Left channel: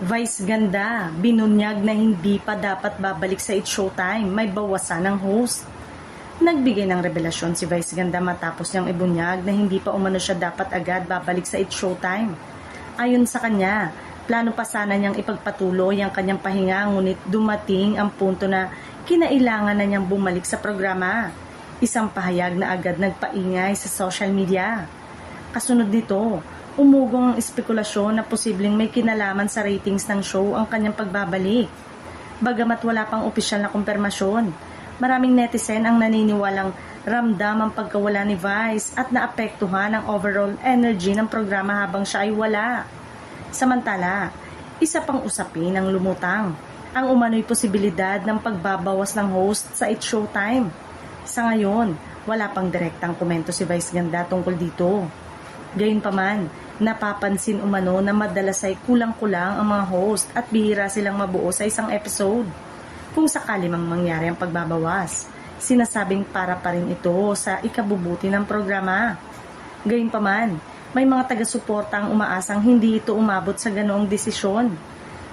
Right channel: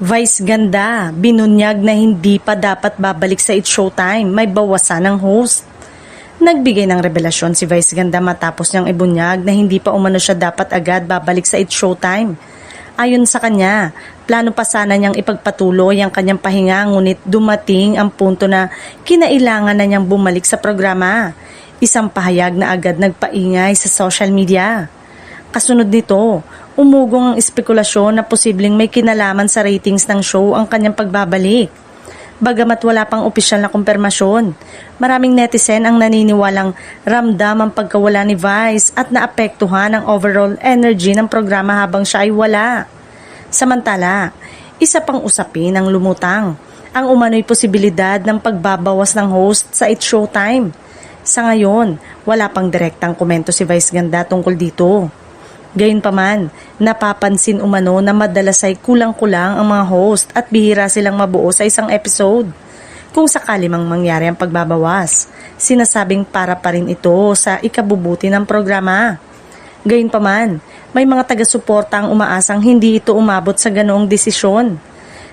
Vice ganda, binunyag na hindi pa dapat babalik sa It's Showtime, may bawasan ng host. Nagbigay ng revelasyon si Vice Ganda matapos niyang ibunyag na hindi pa umano siya dapat agad babalik sa It's Showtime. Ayon sa kanya, plano pa sana niyang ipagpatuloy ang kanyang pahinga ngunit dumating ang punto na kinailangan na niyang bumalik sa programa. Isang pahayag na agad nagpaingay sa social media. Kasunod nito, umugong ang espekulasyon na posibleng may kinalaman sa ratings ng show ang kanyang pagbabalik. Bagamat wala pang opisyal na kumpirmasyon, maraming netizen ang naniniwalang ramdam ang pagkawala ni Vice at naapektuhan ang overall energy ng programa habang siya ay wala. Samantala, isa pang usapin ang lumutang, ang umano'y posibilidad ng pagbabawas ng host sa It's Showtime. Sa ngayon, wala pang direktang komento si Vice Ganda tungkol dito. Gayunpaman, napapansin umano na madalas ay kulang-kulang ang mga host at bihira silang mabuo sa isang episode. Kung sakali mang mangyari ang pagbabawas, sinasabing para pa rin ito sa ikabubuti ng programa. Gayunpaman, may mga taga-suporta ang umaasang hindi ito umabot sa ganoong desisyon.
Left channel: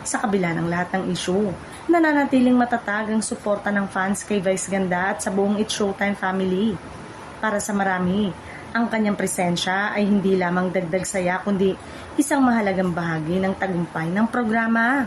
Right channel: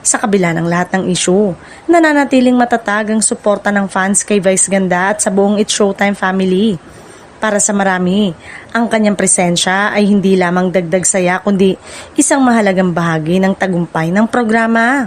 Sa kabila ng lahat ng issue, nananatiling matatag ang suporta ng fans kay Vice Ganda at sa buong It's Showtime family. Para sa marami, ang kanyang presensya ay hindi lamang dagdag saya kundi isang mahalagang bahagi ng tagumpay ng programa.